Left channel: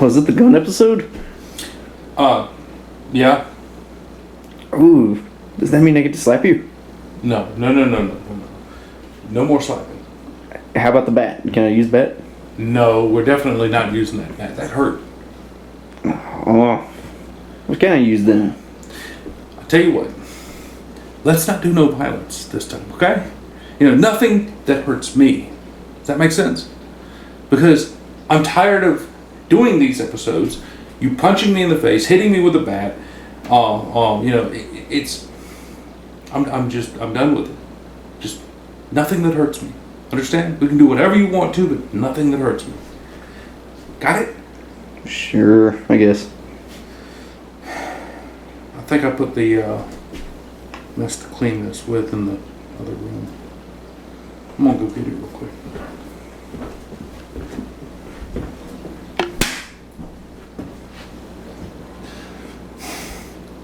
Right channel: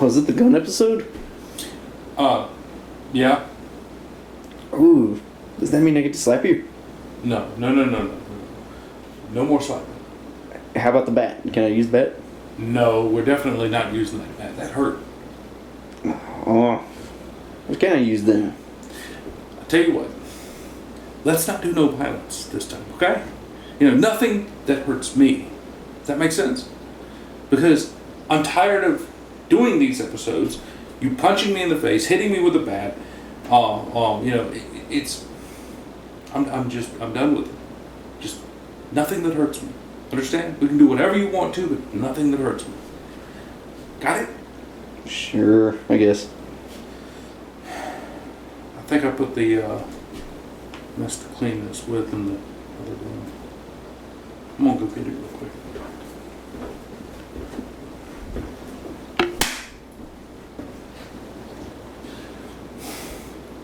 Oh, is it the gun episode? Yeah. Ooh, does that mean I get to slap you? No. No more slapping. How about the bat? Can I use bat? No, we're definitely not using that bat. That hurt. Oh, what can I use then? I'll tell you what. Let's not do no violence this time, okay? Nothing that hurts me. Does that make sense? Because I'm tired of doing these episodes. You punching me in the face, hitting me with a bat. I'm done with it. Just nothing that hurts me. Understand? We can do whatever you want to, but nothing that hurts me. Got it? Sure, I guess. I think I put the mess to clean this with in the other room. I'm gonna go get it real quick.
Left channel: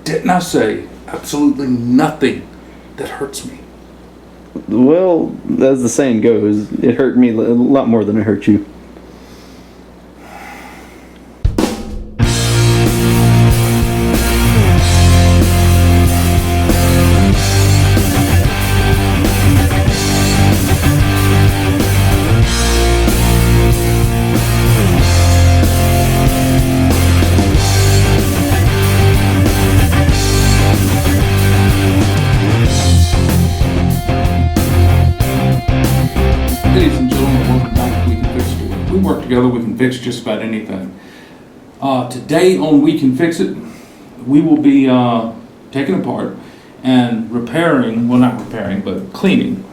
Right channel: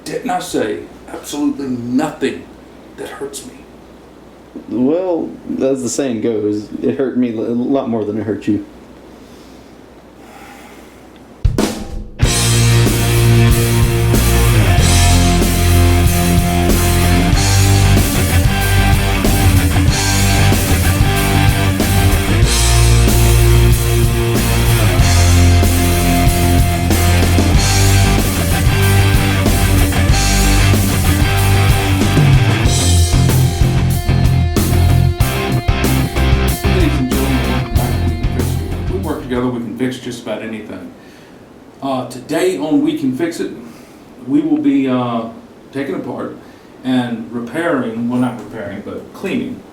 Didn't I say absolutely nothing that hurts me? Well, as the saying goes, it hurt me a lot more than it hurt you. Together we can fix just about anything. Today on We Can Fix It, we will be taking apart and repairing, well not repairing, but cleaning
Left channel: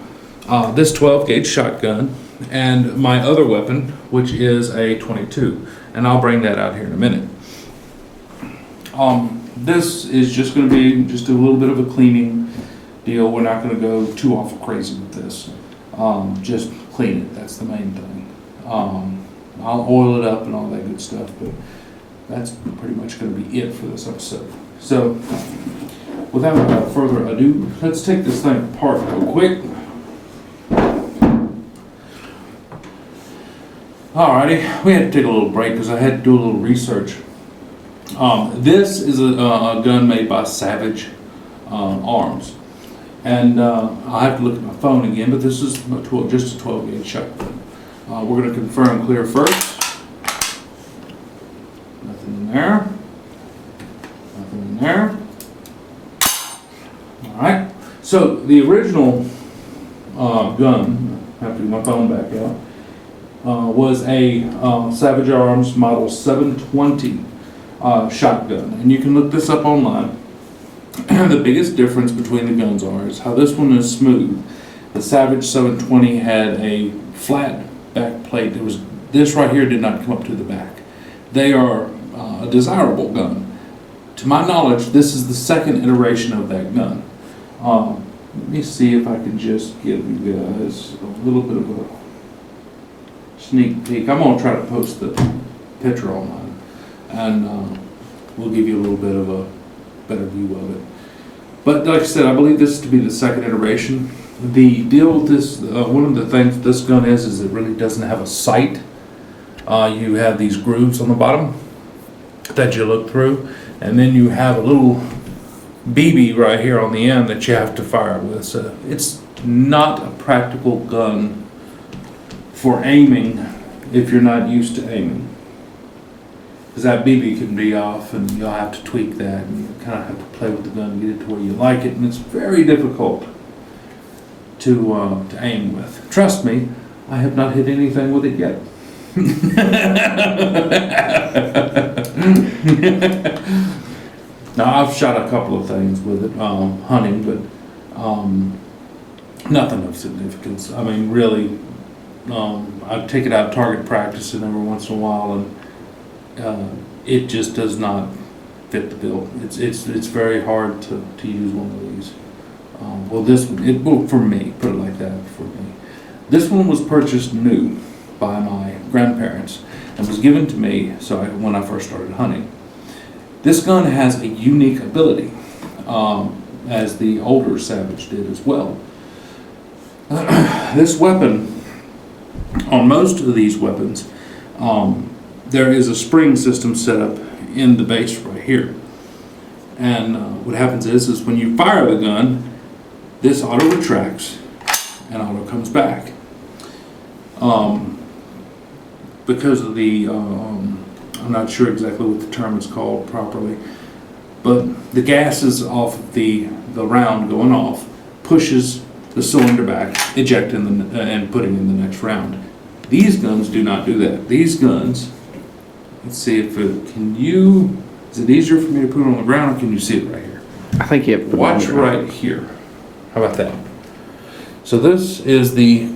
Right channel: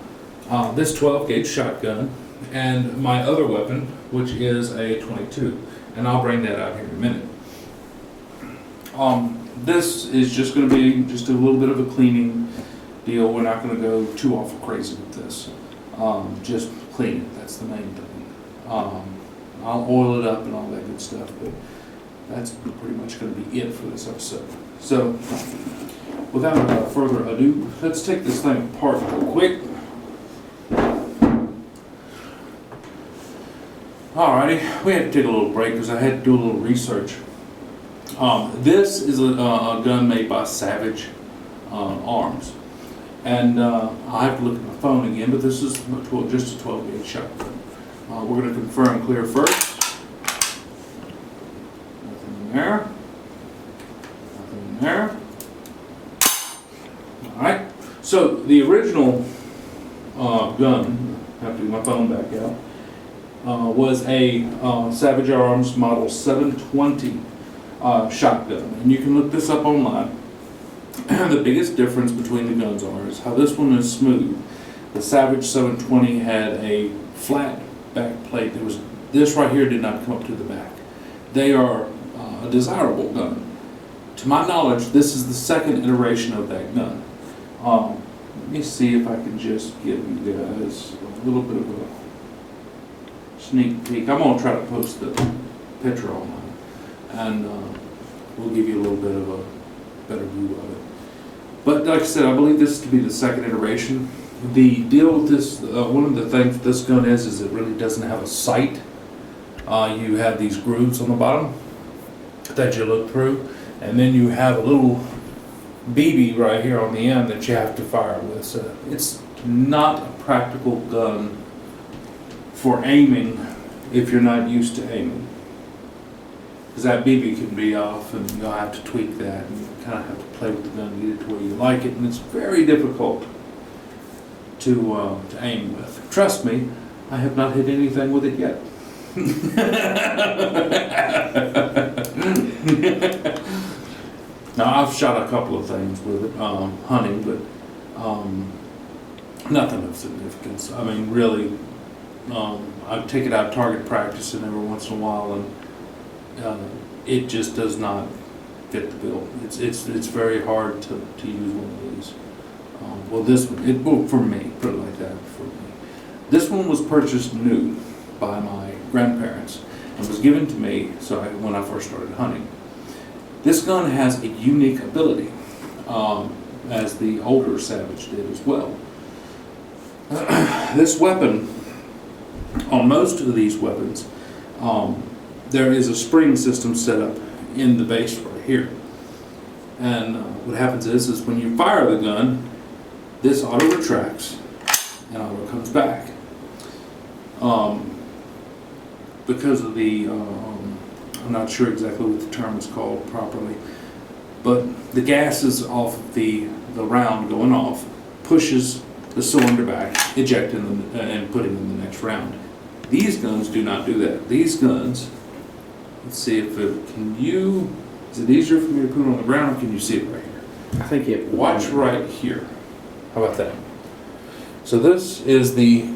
this 12 gauge shotgun and my other weapon, which is a 22. And I'll bring that out here in a minute. This is just going to be just a little bit of a cleaning deal. We're not going to go too awful crazy with this. Just clean it, that's the main thing. I'll oil it up and all that good stuff, but that's pretty much going to be it for this episode. So, without further ado, let's take this thing apart real quick. Alrighty, we had to take a little break because I had to do a little research. This is a gun made by Savage Arms. And I'll have to look at my phone again, but this is just a 12 gauge shotgun. We're going to confirm clear first. Nothing in there. Nothing in there. Alright, so the original gun, I have to get my phone back out, was a Savage Arms Model 720 shotgun. And you can look this up online. The biggest difference between the guns is how this one is smooth. The Savage 720 had a flat back plate. This right here did not come up to the back. They are a desirable gun. To my knowledge, this is the second iteration of that gun. Let me see if I can just give you guys a little bit of a sneak peek. I'm going to try to post the picture online, and we'll give you a little bit of a better view of it. But like I said, I believe this to be the second iteration. The deal with this, one of the things this gun is it really doesn't have a sight. You have these grooves on the bottom that you look through, and then you have a little BB right here on the end that you have to fire with. So it's not a practical gun for aiming if you're not used to aiming. Because that BB can be off and you'll have to tweak that, and you kind of have to play with the gun to get it to where you like it, and it's very difficult to aim with. Trust me, I have not hit anything with it yet. Now I've shot a couple of things with it, hunting, but nothing of significance. I mean, really, I take it out target practicing every once in a while, and it just does not fit the bill. It's very hard to use one of these. Well, this one, for me, put it like that, for me. This one was purchased new by my grandparents and was given to me when I first started hunting. This gun has a unique ability, as the older Savage did as well. This weapon on most of these weapons, there is a spring system set up in the base right here. And what happens is when you fire the gun, this auto retracts and auto comes back. Because of the, I'm not sure exactly what the term is called properly, but the gases off of the round going off pushes the cylinder back, ejecting and putting in the next round. These guns do not do that. These guns, let's see if it, is it easier for me to put it on the ground or can you see it right here? I think you have to Watch right here. How about that? So this is the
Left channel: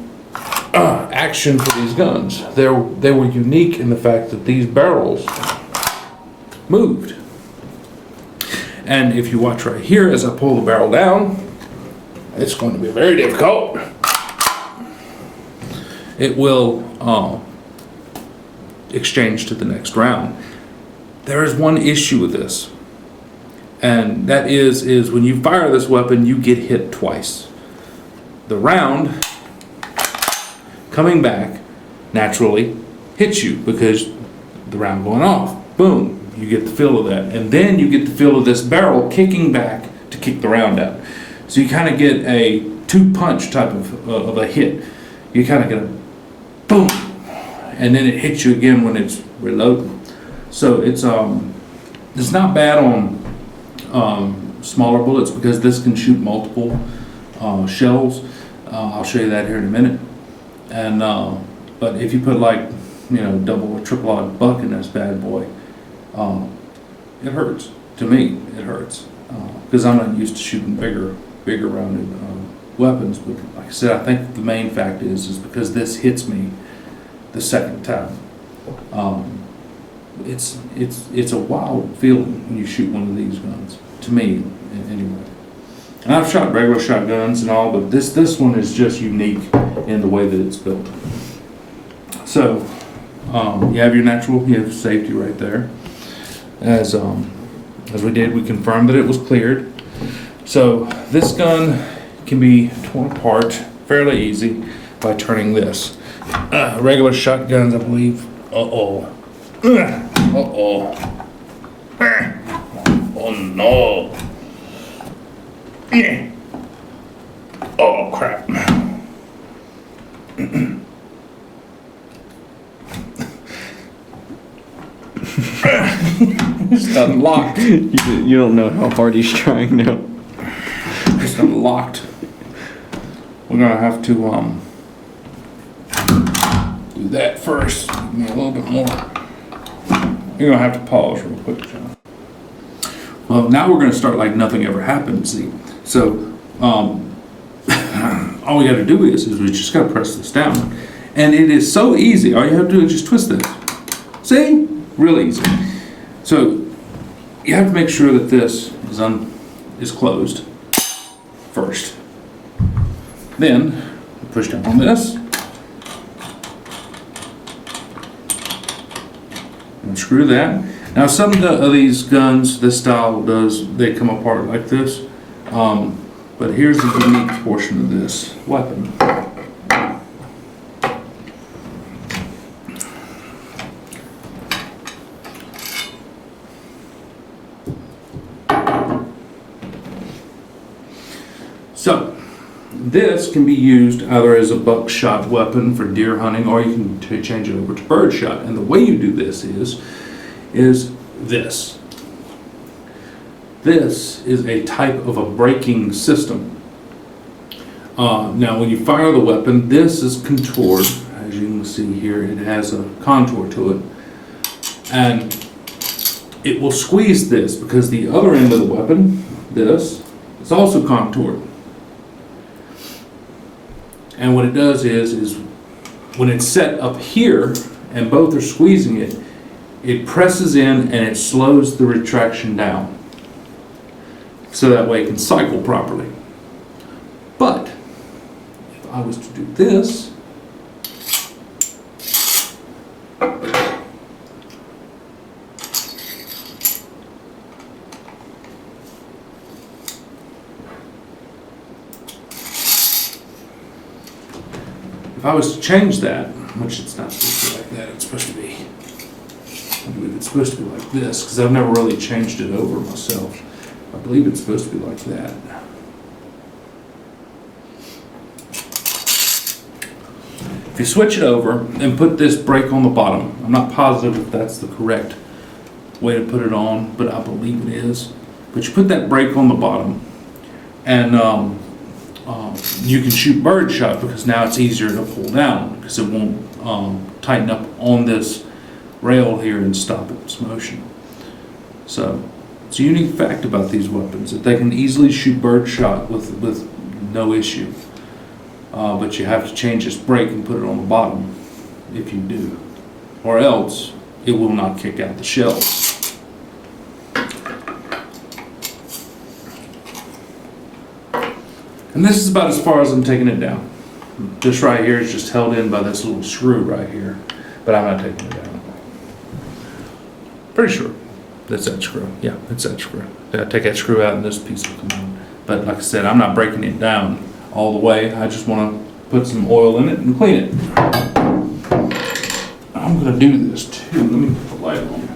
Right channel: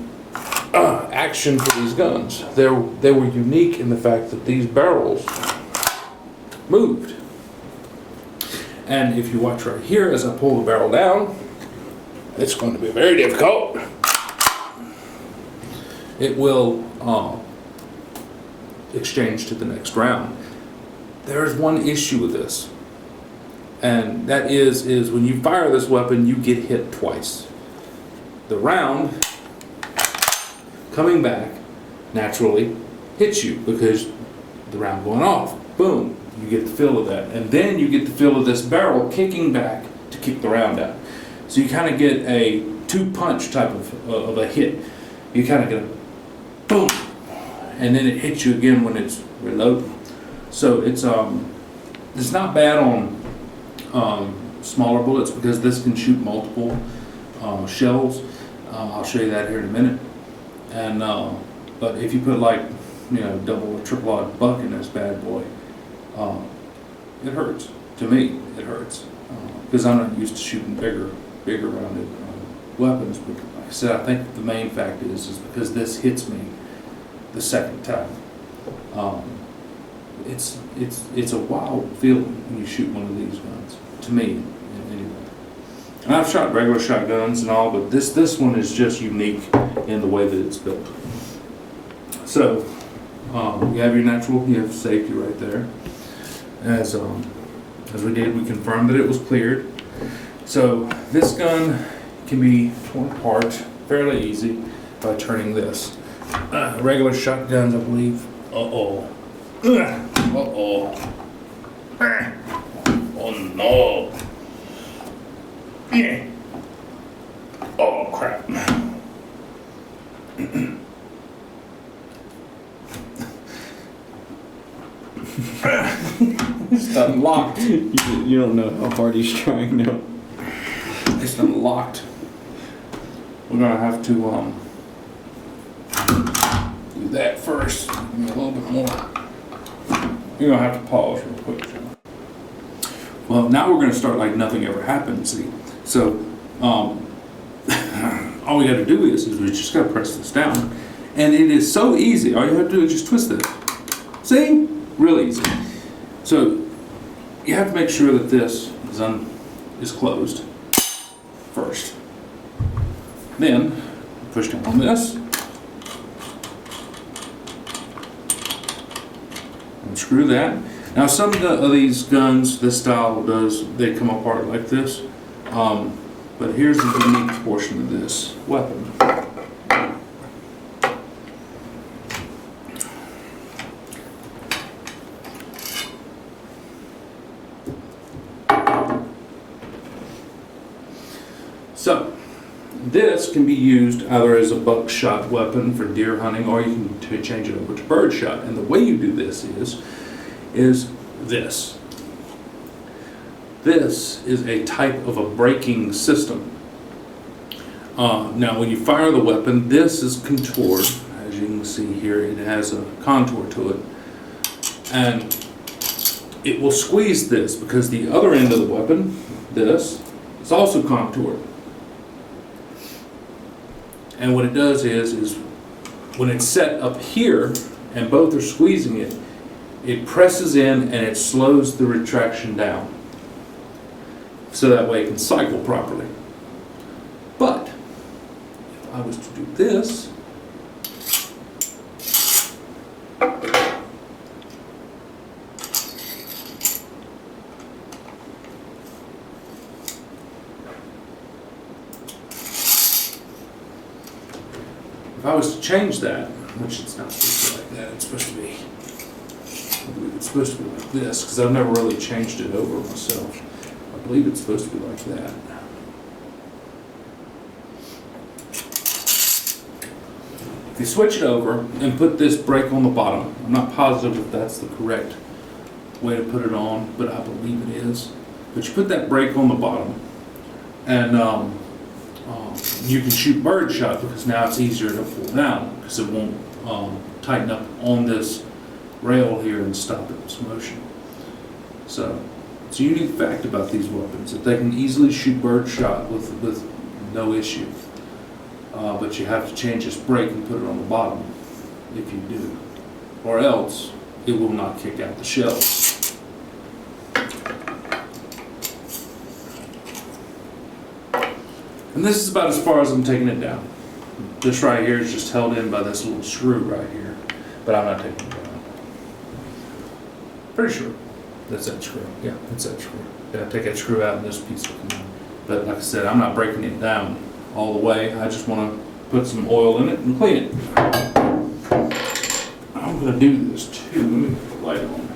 action for these guns. They were unique in the fact that these barrels moved. And if you watch right here, as I pull the barrel down, it's going to be very difficult. It will exchange to the next round. There is one issue with this, and that is when you fire this weapon, you get hit twice. The round coming back naturally hits you because the round going off, boom, you get the feel of that. And then you get the feel of this barrel kicking back to kick the round out. So you kind of get a two-punch type of a hit. You kind of get a boom, and then it hits you again when it's reloading. So it's not bad on smaller bullets because this can shoot multiple shells. I'll show you that here in a minute. And but if you put like double or triple odd buck in this bad boy, it hurts. To me, it hurts because I'm not used to shooting bigger rounded weapons. But like I said, I think the main fact is because this hits me the second time. It's a wild feeling when you shoot one of these guns. To me, anyway. And I've shot regular shotguns and all, but this one is just unique in the way that it's built. So you have your natural, you have safety right there. As we did, we confirmed that it was cleared. So this gun can be torn apart fairly easy by turning this. Regular shotguns, I believe. Uh-oh. Uh-oh. Oh no. Yeah. Oh crap. It's unlocked. You don't know how hard he's trying now. It's unlocked. We're gonna have to do that first. Give me a little bit more. You're gonna have to pause real quick, John. Well, now we're gonna start like nothing ever happened. See, so all we got to do is we just got to press this down, and it is so easy. All you have to do is just twist this. See, real easy. So you have to make sure that this is closed first. Then push down on this and screw that. Now some of these guns, this style they come apart like this. But here's the unique portion of this weapon. So this can be used either as a buckshot weapon for deer hunting, or you can change it over to birdshot. And the way you do this is this. This is a type of a braking system. Now when you fire the weapon, this is contoured. As you can see here, it has a contour to it. And it will squeeze this because the other end of the weapon, this, is also contoured. And what it does is when it's set up here and both are squeezing it, it presses in and it slows the retraction down. So that way it can cycle properly. But if I was to do this, if I was to change that, which it's not supposed to be like that. It's supposed to be, I believe it's supposed to be like this, because I've never really changed it over myself. I believe it's supposed to be like that. If you switch it over and put this brake on the bottom, I'm not positive if that's the correct way to put it on, but I believe it is. But you put that brake on the bottom, and you can shoot bird shot, because now it's easier to pull down, because it won't tighten up on this rail here and stop its motion. So it's a unique fact about these weapons that they can easily shoot bird shot with no issue. But you have to change this brake and put it on the bottom if you do, or else it will not kick out the shells. And this is about as far as I'm taking it down. This right here is just held in by this little screw right here, but I'm not taking it down. Pretty sure that's that screw. Yeah, it's that screw. I take that screw out and this piece will come out. But like I said, I'm not breaking it down all the way. I just want to put some oil in it and clean it. I'm going to do this too. Let me put the light on.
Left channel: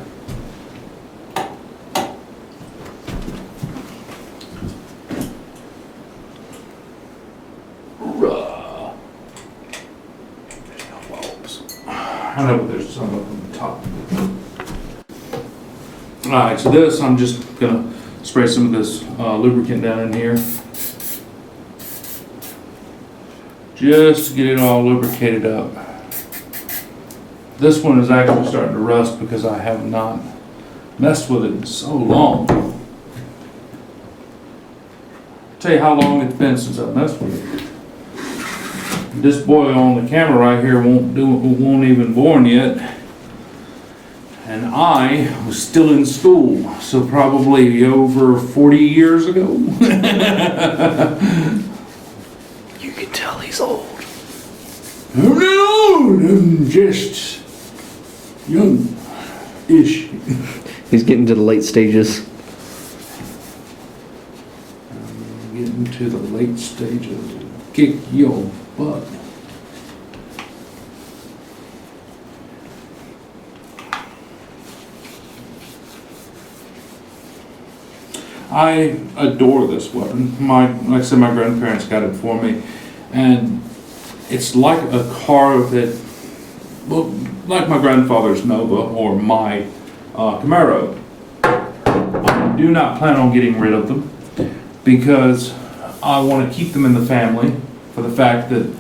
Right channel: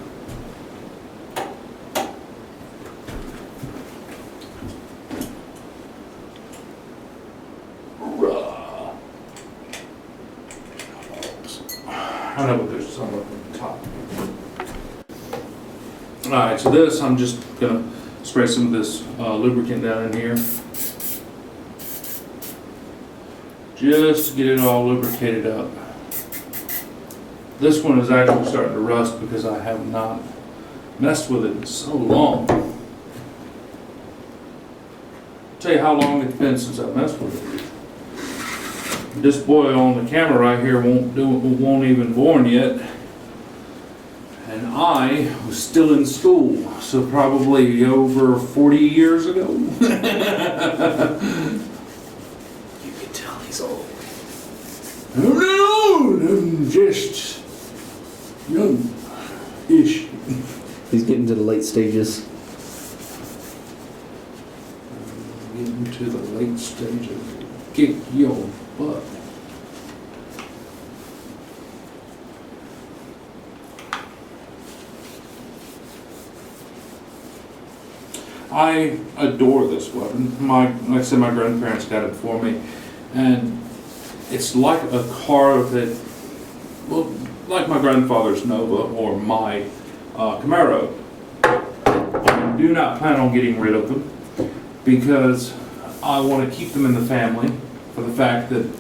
I know, but there's some up on the top. Alright, so this, I'm just going to spray some of this lubricant down in here. Just to get it all lubricated up. This one is actually starting to rust because I have not messed with it in so long. Tell you how long it's been since I've messed with it. This boy on the camera right here won't even born yet. And I was still in school, so probably over 40 years ago. You can tell he's old. I'm not old, I'm just young-ish. He's getting to the late stages. I'm getting to the late stages. Kick your butt. I adore this weapon. Like I said, my grandparents got it for me, and it's like a car that, well, like my grandfather's Nova or my Camaro. I do not plan on getting rid of them because I want to keep them in the family for the fact that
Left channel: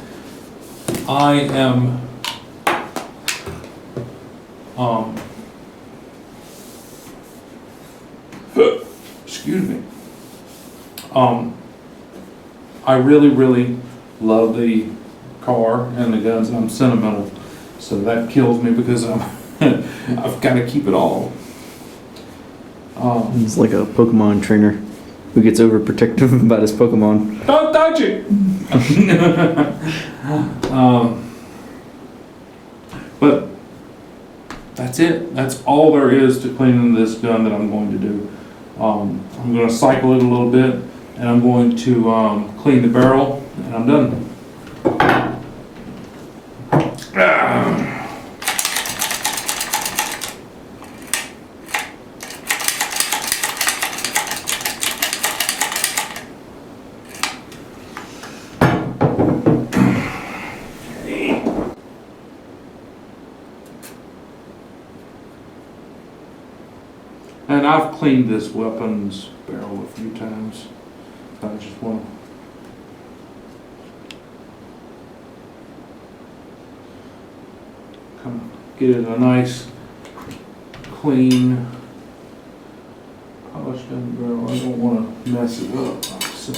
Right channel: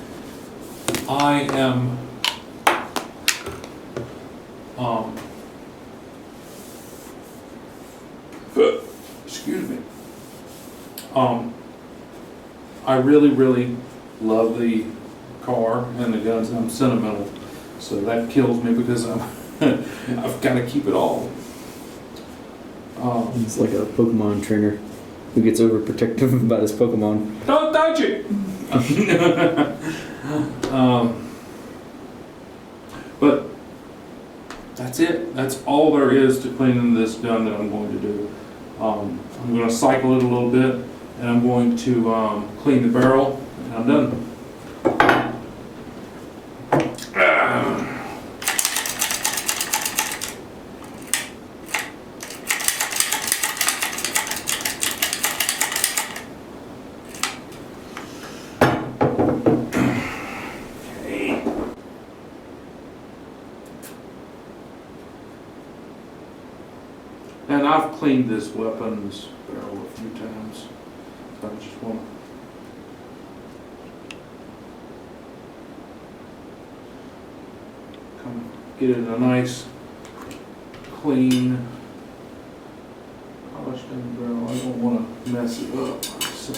I am excuse me. I really love the car and the guns, and I'm sentimental, so that kills me because I've got to keep it all. He's like a Pokemon trainer who gets overprotective about his Pokemon. Don't touch it. But that's it. That's all there is to cleaning this gun that I'm going to do. I'm going to cycle it a little bit, and I'm going to clean the barrel, and I'm done. And I've cleaned this weapon's barrel a few times, but I just want to kind of get it a nice, clean, polish down the barrel. I don't want to mess it up, so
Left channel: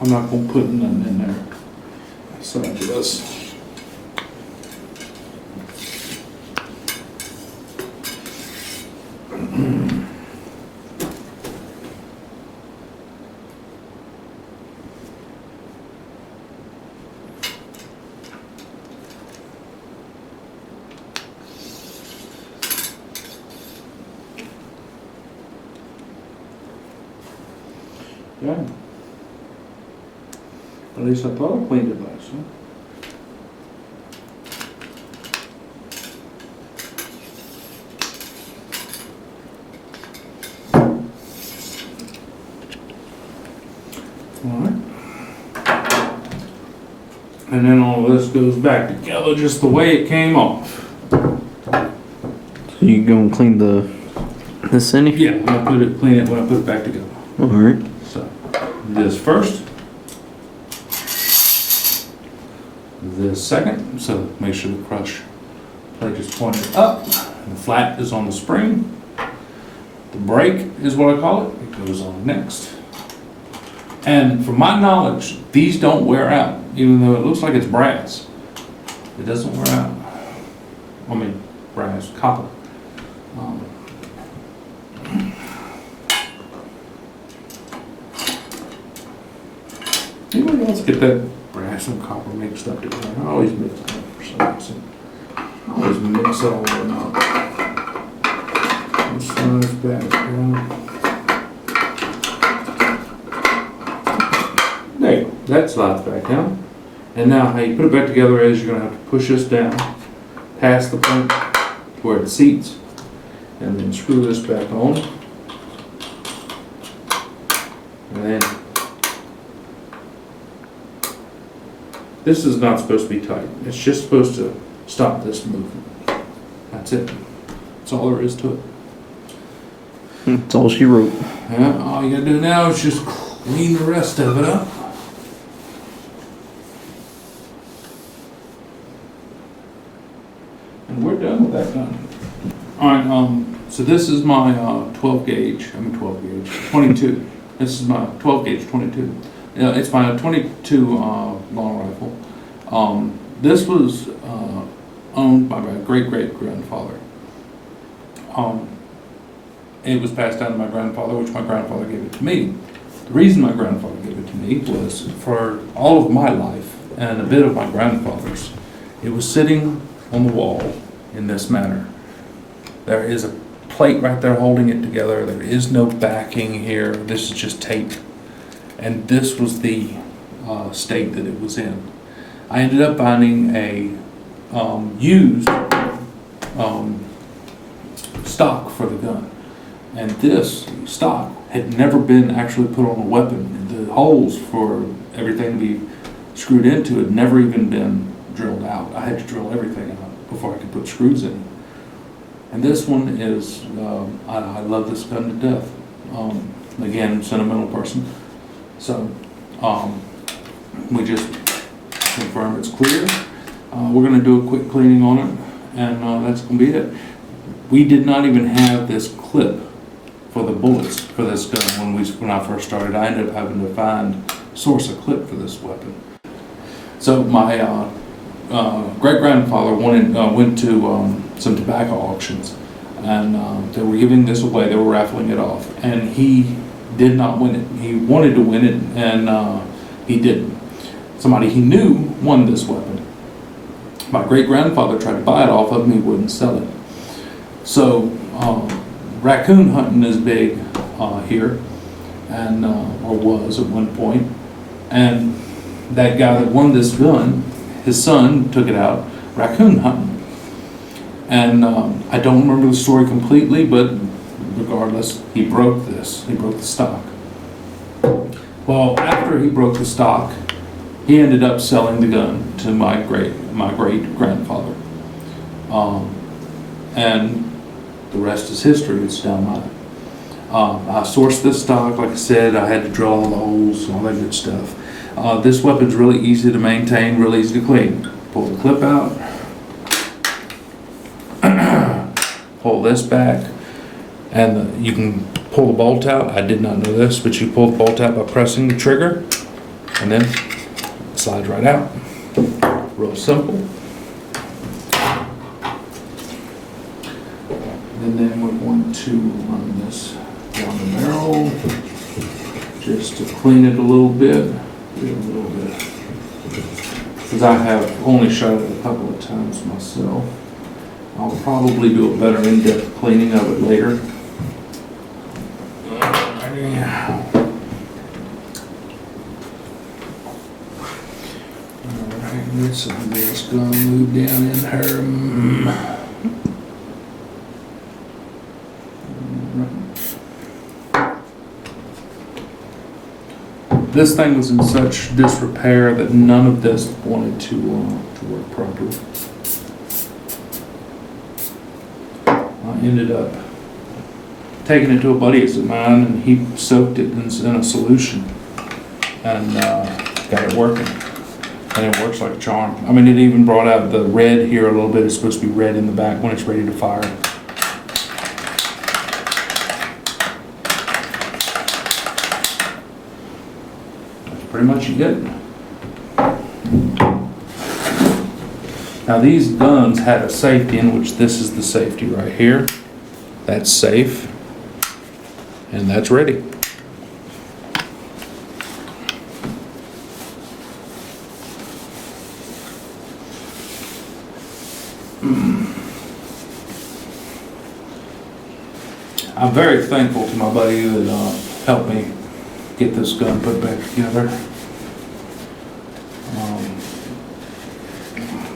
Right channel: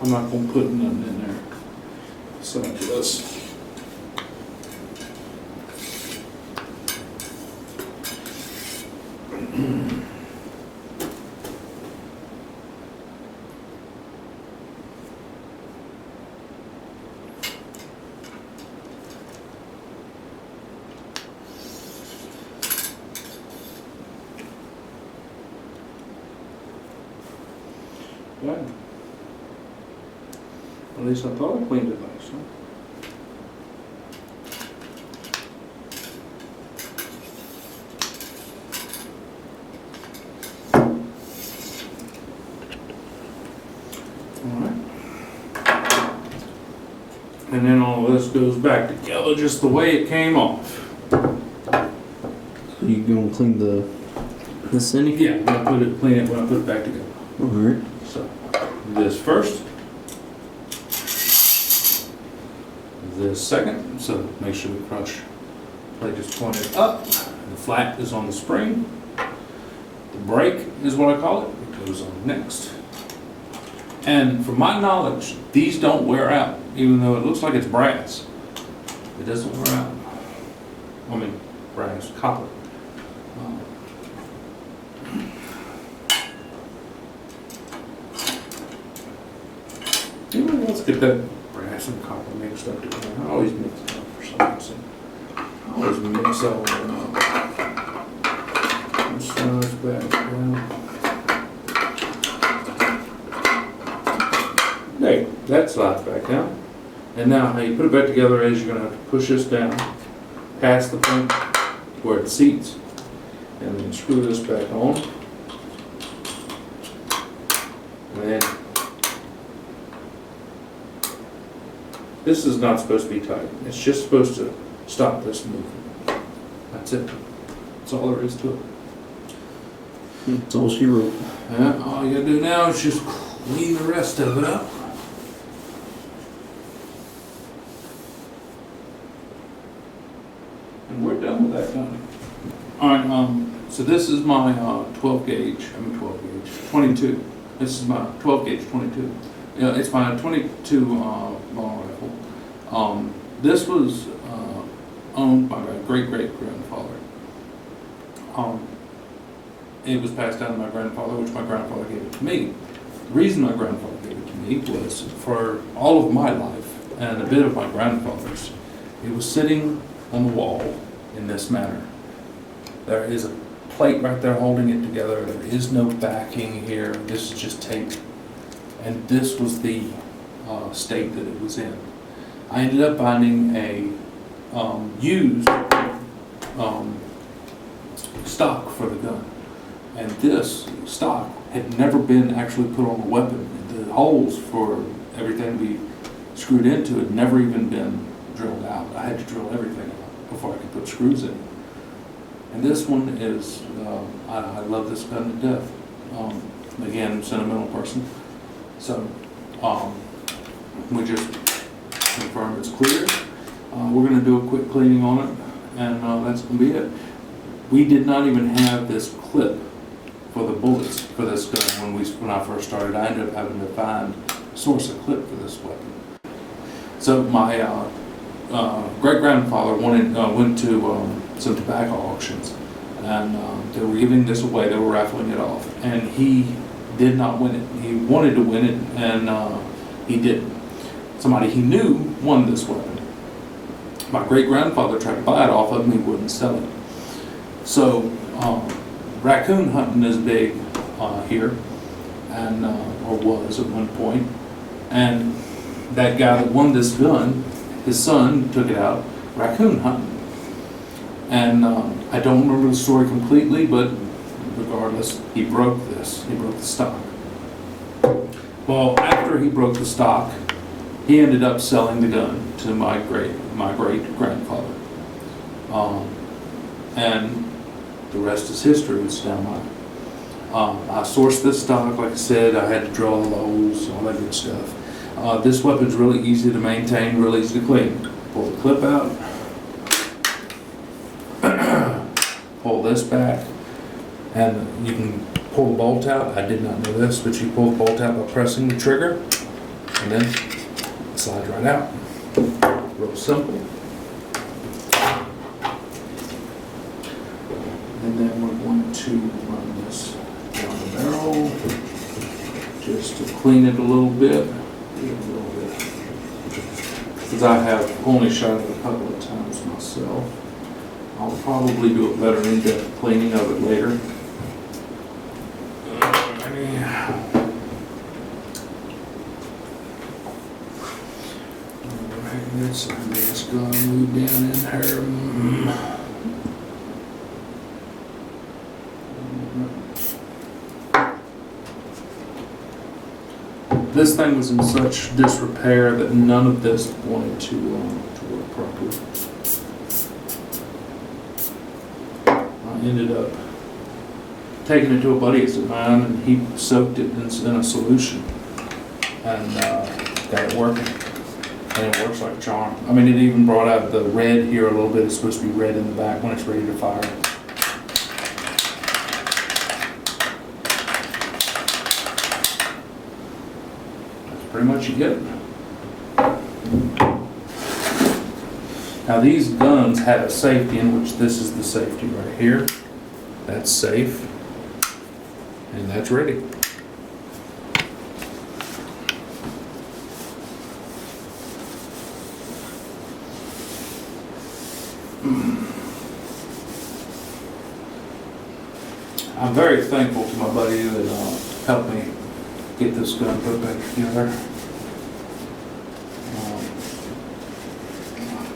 I'm not going to put nothing in there besides this. Dang. At least I thought I cleaned it last time. And then all of this goes back together just the way it came off. So you go and clean this in? Yeah, I'm gonna clean it when I put it back together. Alright. So, this first. This second, so make sure the crush plate is pointed up. The flat is on the spring. The brake is what I call it. It goes on next. And from my knowledge, these don't wear out, even though it looks like it's brass. It doesn't wear out. I mean, brass, copper. Anybody else get that brass and copper mixed up together? I always mix it up for some reason. I always mix all of them up. This slides back down. There you go. That slides back down. And now how you put it back together is you're going to have to push this down past the point to where it seats and then screw this back on. And then this is not supposed to be tight. It's just supposed to stop this movement. That's it. That's all there is to it. That's all she wrote. Yeah, all you gotta do now is just clean the rest of it up. And we're done with that gun. Alright, so this is my 12 gauge, 22. This is my 12 gauge 22. It's my 22 long rifle. This was owned by my great-great-grandfather. It was passed down to my grandfather, which my grandfather gave it to me. The reason my grandfather gave it to me was for all of my life and a bit of my grandfather's, it was sitting on the wall in this manner. There is a plate right there holding it together. There is no backing here. This is just tape. And this was the state that it was in. I ended up finding a used stock for the gun. And this stock had never been actually put on a weapon. The holes for everything to be screwed into had never even been drilled out. I had to drill everything out before I could put screws in it. And this one is, I love this gun to death. Again, sentimental person. So, we just confirm it's clear. We're gonna do a quick cleaning on it, and that's gonna be it. We did not even have this clip for the bullets for this gun when I first started. I ended up having to source a clip for this weapon. So my great-grandfather went to some tobacco auctions, and they were giving this away. They were raffling it off, and he did not win it. He wanted to win it, and he didn't. Somebody he knew won this weapon. My great-grandfather tried to buy it off of him. He wouldn't sell it. So raccoon hunting is big here, and or was at one point. And that guy that won this gun, his son took it out raccoon hunting. And I don't remember the story completely, but regardless, he broke this. He broke the stock. Well, after he broke the stock, he ended up selling the gun to my great-grandfather. And the rest is history. It's down mine. I sourced this stock, like I said. I had to drill all the holes, all that good stuff. This weapon's really easy to maintain, really easy to clean. Pull the clip out. Pull this back. And you can pull the bolt out. I did not know this, but you pull the bolt out by pressing the trigger. And then it slides right out. Real simple. And then we're going to run this down the barrel just to clean it a little bit. Because I have only shot it a couple of times myself. I'll probably do a better in-depth cleaning of it later. Alright, get some of this gun moved down in here. this thing was in such disrepair that none of this wanted to work properly. I ended up taking it to a buddy of mine, and he soaked it in a solution and got it working. And it works like a charm. I mean, it even brought out the red here a little bit. It's supposed to be red in the back when it's ready to fire. That's pretty much it. Now these guns had a safety in which this is the safety right here. That's safe. And that's ready. I'm very thankful to my buddy that helped me get this gun put back together.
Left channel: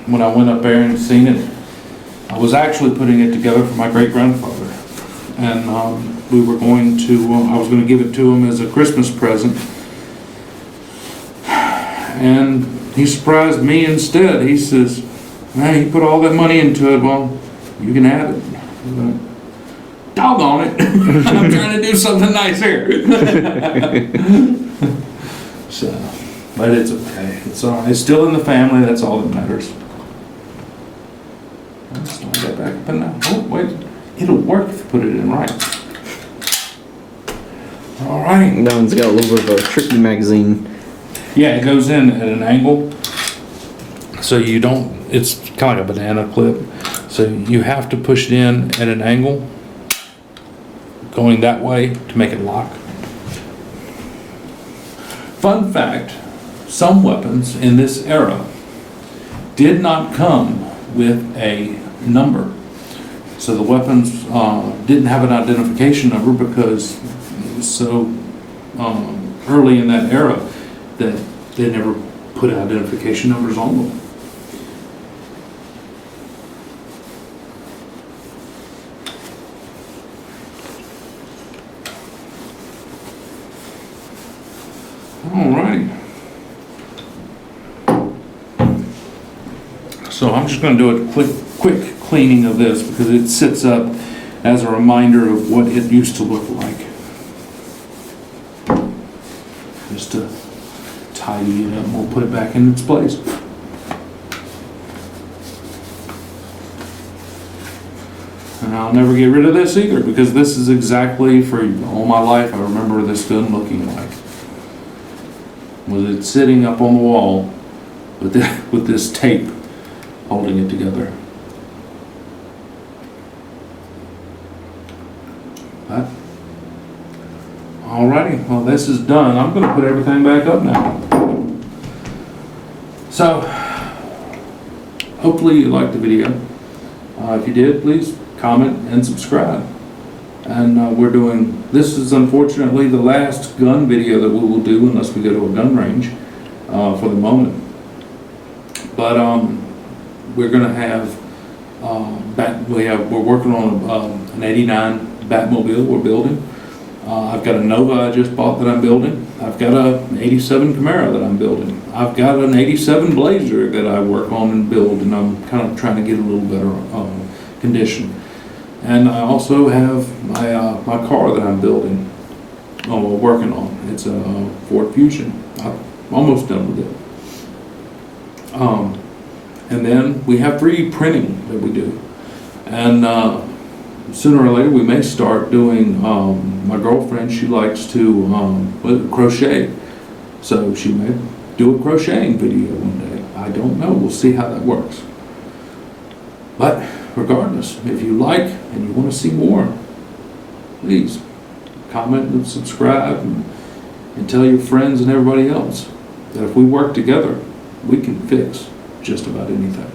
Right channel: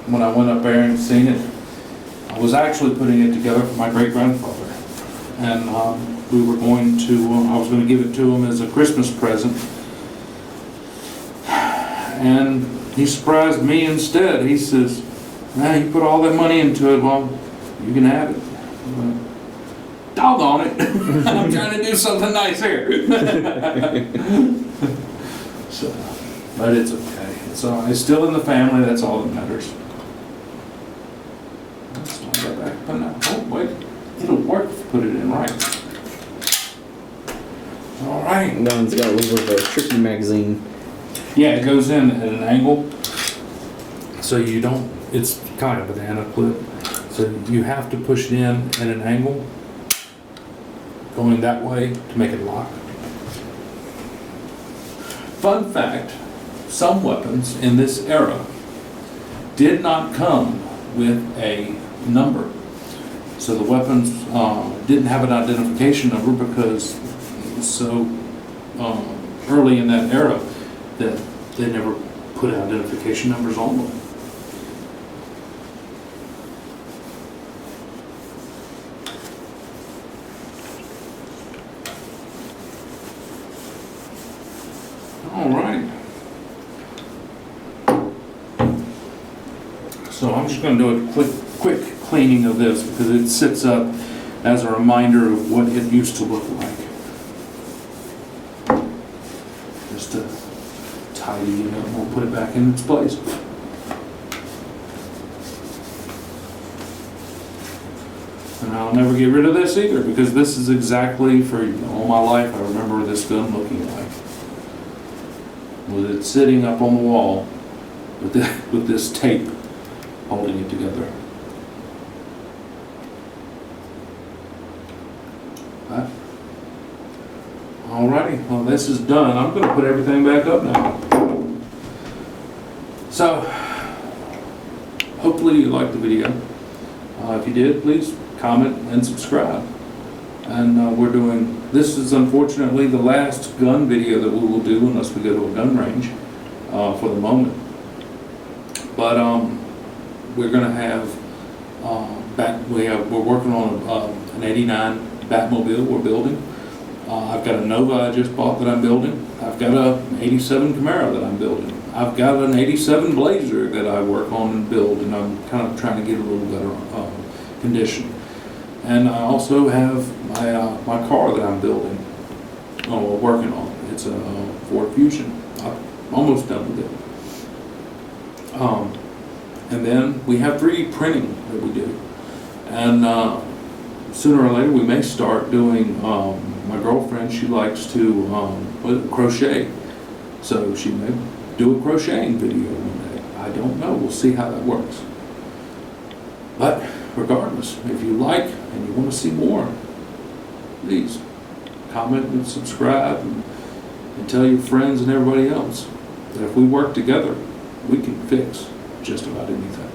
When I went up there and seen it, I was actually putting it together for my great-grandfather. And we were going to, I was going to give it to him as a Christmas present. And he surprised me instead. He says, "Man, you put all that money into it, well, you can have it." I'm like, doggone it. I'm trying to do something nice here. So, but it's okay. It's all right. It's still in the family. That's all that matters. Let's slide that back up in now. Oh, wait. It'll work if you put it in right. All right. That one's got a little bit of a tricky magazine. Yeah, it goes in at an angle. So you don't, it's kind of like a banana clip. So you have to push it in at an angle, going that way to make it lock. Fun fact, some weapons in this era did not come with a number. So the weapons didn't have an identification number because it was so early in that era that they never put identification numbers on them. Alrighty. So I'm just going to do a quick cleaning of this because it sits up as a reminder of what it used to look like. Just to tidy it up, we'll put it back in its place. And I'll never get rid of this either because this is exactly, for all my life, I remember this gun looking like. Was it sitting up on the wall with this tape holding it together. But, alrighty, well this is done. I'm going to put everything back up now. So, hopefully you liked the video. If you did, please comment and subscribe. And this is unfortunately the last gun video that we will do unless we go to a gun range for the moment. But we're going to have, we're working on an 89 Batmobile we're building. I've got a Nova I just bought that I'm building. I've got an 87 Camaro that I'm building. I've got an 87 Blazer that I work on and build, and I'm kind of trying to get a little better condition. And I also have my car that I'm building, working on. It's a Ford Fusion. I'm almost done with it. And then we have 3D printing that we do. And sooner or later we may start doing, my girlfriend, she likes to crochet. So she may do a crocheting video one day. I don't know. We'll see how that works. But regardless, if you like and you want to see more, please comment and subscribe and tell your friends and everybody else that if we work together, we can fix just about anything.